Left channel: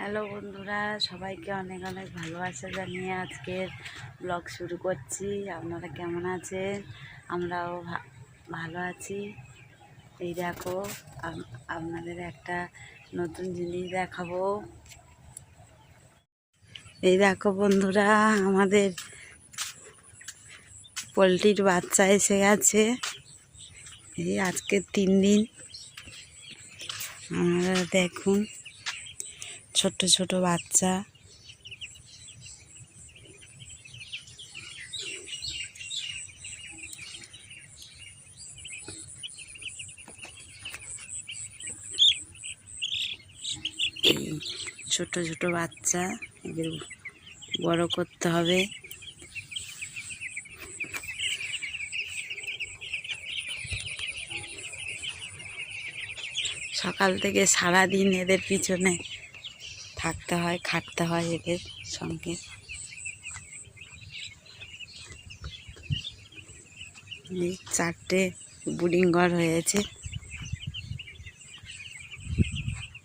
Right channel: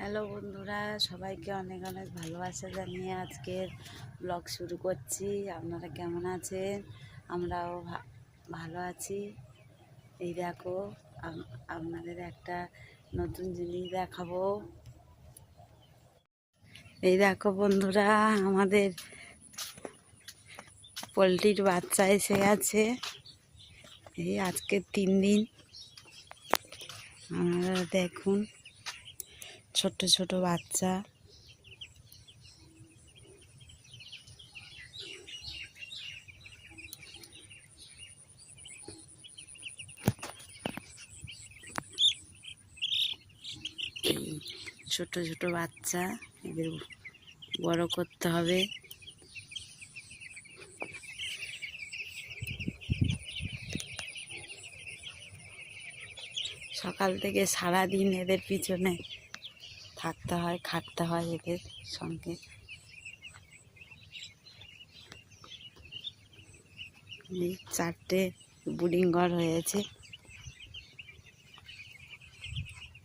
Hello বন্ধুরা, সবাইকে অনেক অনেক ভালোবাসা জানিয়ে আজকের ব্লগ শুরু করছি। আপনারা কেমন আছেন? আমরাও ভালো আছি। এই দেখো, আপনাদের একটা নতুন জিনিস দেখাবো। এই দেখো বন্ধুরা, আমাদের পোলট্রির বাচ্চা এসে গেছে। এই আজকে 3 দিন। আপনারা দেখুন, ছোট ছোট বাচ্চা। এই ছোট ছোট বাচ্চা, এদের বড় করতে হবে। সকাল থেকে সারাদিন এদের পিছনে থাকতে হয়, খাটতে হয় এদের সঙ্গে। এই 4টে ব্রিডিং ঘর হয়েছে।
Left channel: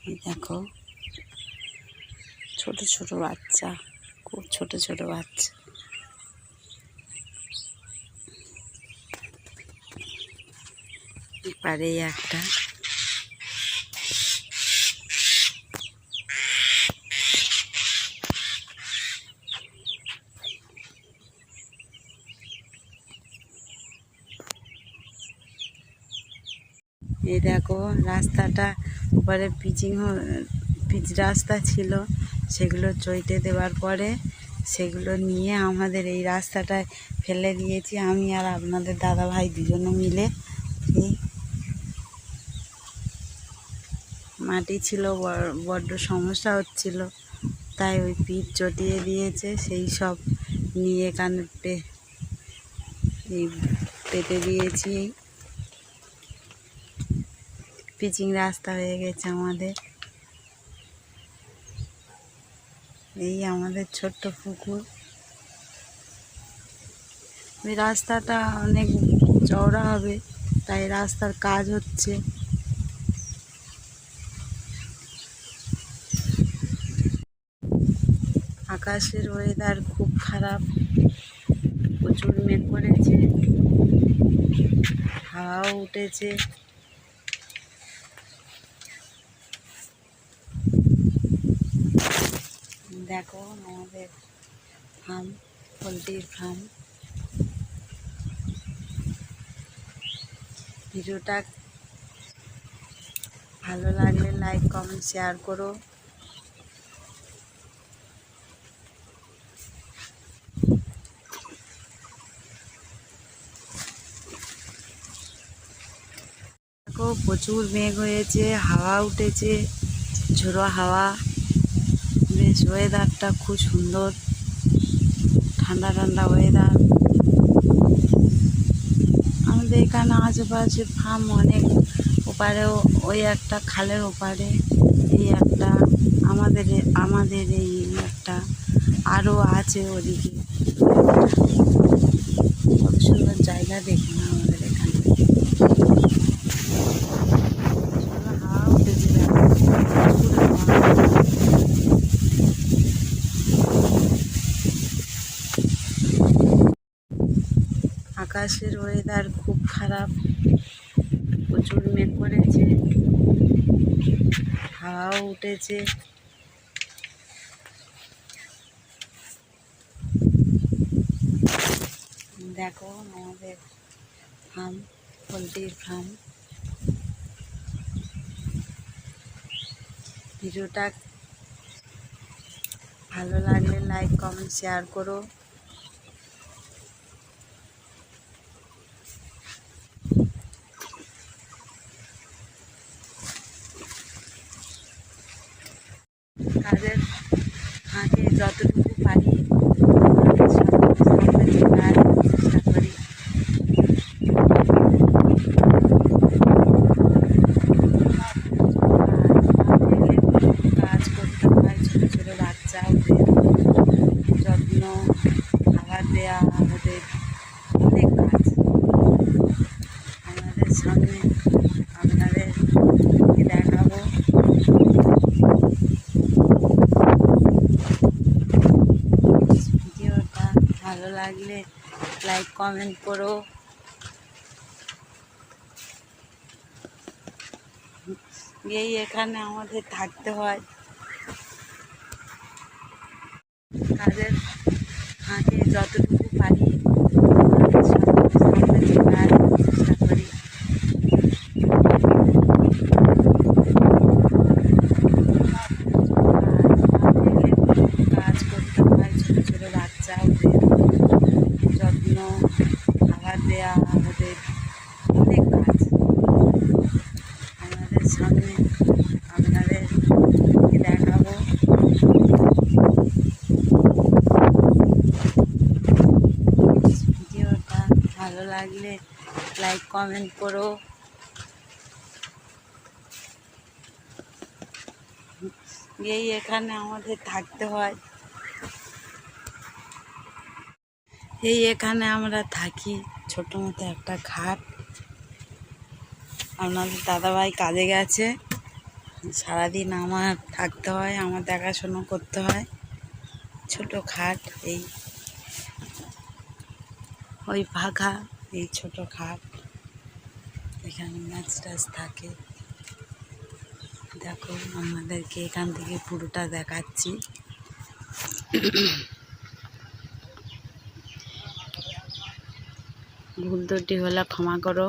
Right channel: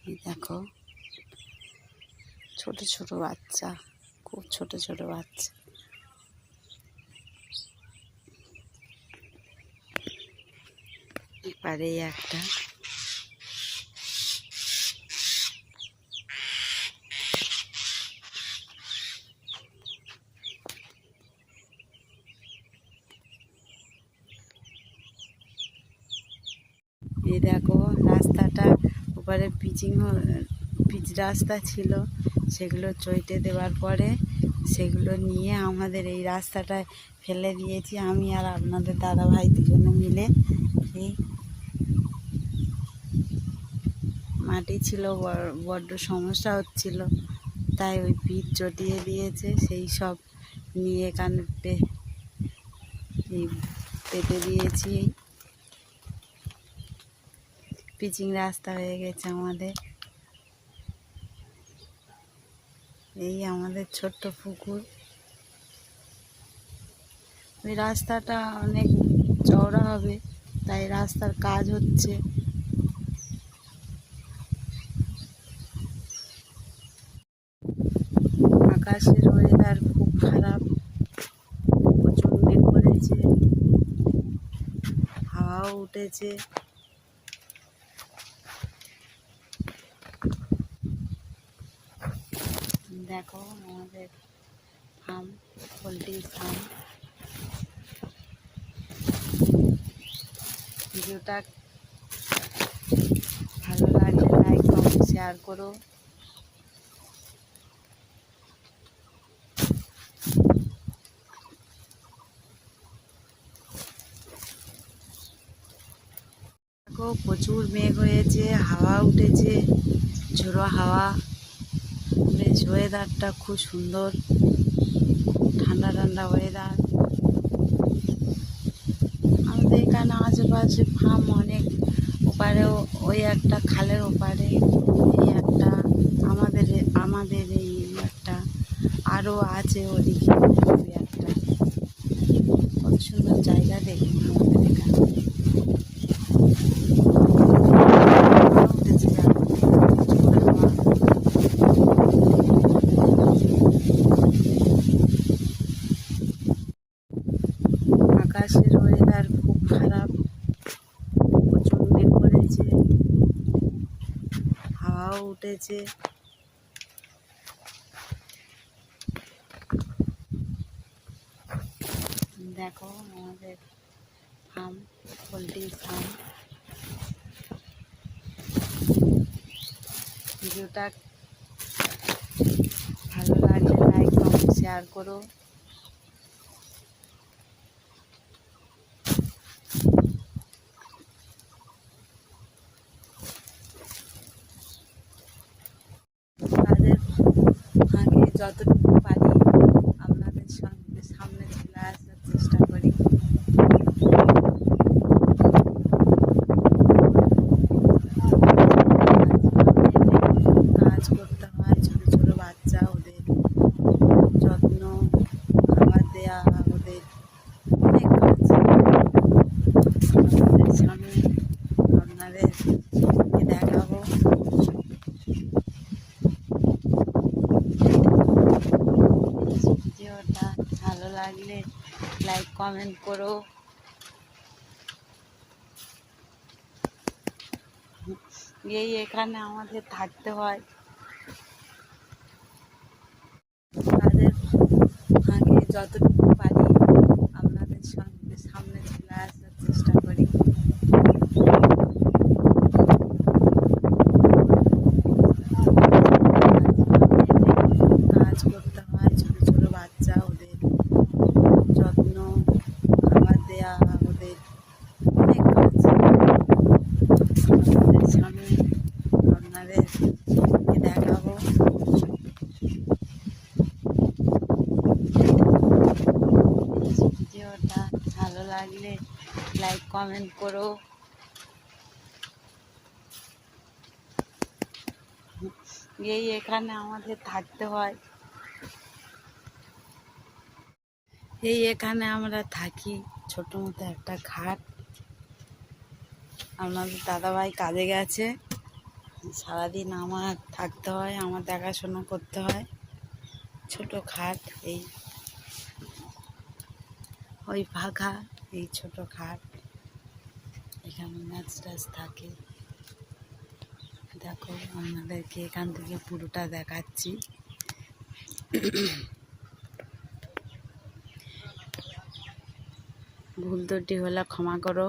এই দেখো, ছোট ছোট বাচ্চা, খুব ছোট ছোট বাচ্চা। এপারেই একটা। এই দেখো, রাস্তাটা ওপারে পিচ রাস্তা ছিল, সেগুলো চইতে দেওয়ার পরে সেগুলো নিয়ে আমাদের এই রাস্তাটায় ফেলে দিয়েছি আমি আর আপনাদের দাদা ভাই দুজনে মিলে। এই মাটি ছিল, বড্ড সমস্যা হচ্ছিল, তাই ওই পিচ চটিয়ে দিয়েছে। সেই সব নিয়ে এখানে পেতে দিয়েছি। পিচিং রাস্তা হয়ে গেছে আমাদের। এই আমাদের ছোট্ট পুকুর। ওই রাস্তাটা অনেক চওড়া হবে, তাই রাস্তার কাজ হচ্ছে। আকাশের ওয়েদার খুব খারাপ, প্রচুর মেঘ করেছে, হাওয়াও উঠেছে। দেখো আমাদের ফার্ম, পোলট্রির ফার্ম। ভিডিওটা ভালো লাগলে লাইক, কমেন্ট, শেয়ার করো। দেখো, প্রচুর মেঘ হয়েছে, হাওয়া উঠেছে, ঝোড়ো হাওয়া। বেশ ওয়েদারটা খুব সুন্দর, ঠান্ডা ঠান্ডা ওয়েদার। আমাদের এখানে আশেপাশে ফার্ম অনেক, ওপারেও ওই একটা খালের ওপারে এই একটা, আমাদের এই একটা, আরও আছে ওদিকে। কত সুন্দর জায়গা দেখুন আমাদের এখানে। আকাশের ওয়েদার খুব খারাপ, প্রচুর মেঘ করেছে, হাওয়াও উঠেছে। দেখো আমাদের ফার্ম, পোলট্রির ফার্ম। ভিডিওটা ভালো লাগলে লাইক, কমেন্ট, শেয়ার করো। তাদের আগে যতটুকু পারি সামনে চলে আসার চেষ্টা করি। কাজ করতে হয়, ছোটো ছোটো বাচ্চা, ওদের যত্ন, খাবার দেওয়া, আমাদের অনেক কাজ। আমাদের সামনে আপনাদের দেখাবো। কমেন্ট করো। এই এখানে আমাদের থাকতে হয়। তাদের আমি যতটুকু পারি সামনে চলে আসার চেষ্টা করি। কাজ করতে হয়, ছোটো ছোটো বাচ্চা, ওদের যত্ন, খাবার দেওয়া, আমাদের অনেক কাজ। আপনাদের সামনে আপনাদেরকে দেখাবো। ভিডিওটা ভালো লাগলে লাইক কমেন্ট করো। এই এখানে আমাদের থাকতে হয়। এই এখানে আমরা থাকি, ছোটো মতো একটা খাট। আপনাদের দাদাভাই কাজে গেছে, সারাদিন আমার থাকতে হয়, আমার দেখাশোনা করতে হয়। ছোট খাট, এই ওই ফাঁকা, এই ছোট খাট, এখানে ম্যাচ ট্যাচ থাকে। দেখো আমাদেরকে এখান থেকে পুরোটা দেখাচ্ছি। ভুল ত্রুটি হলে ক্ষমা করো।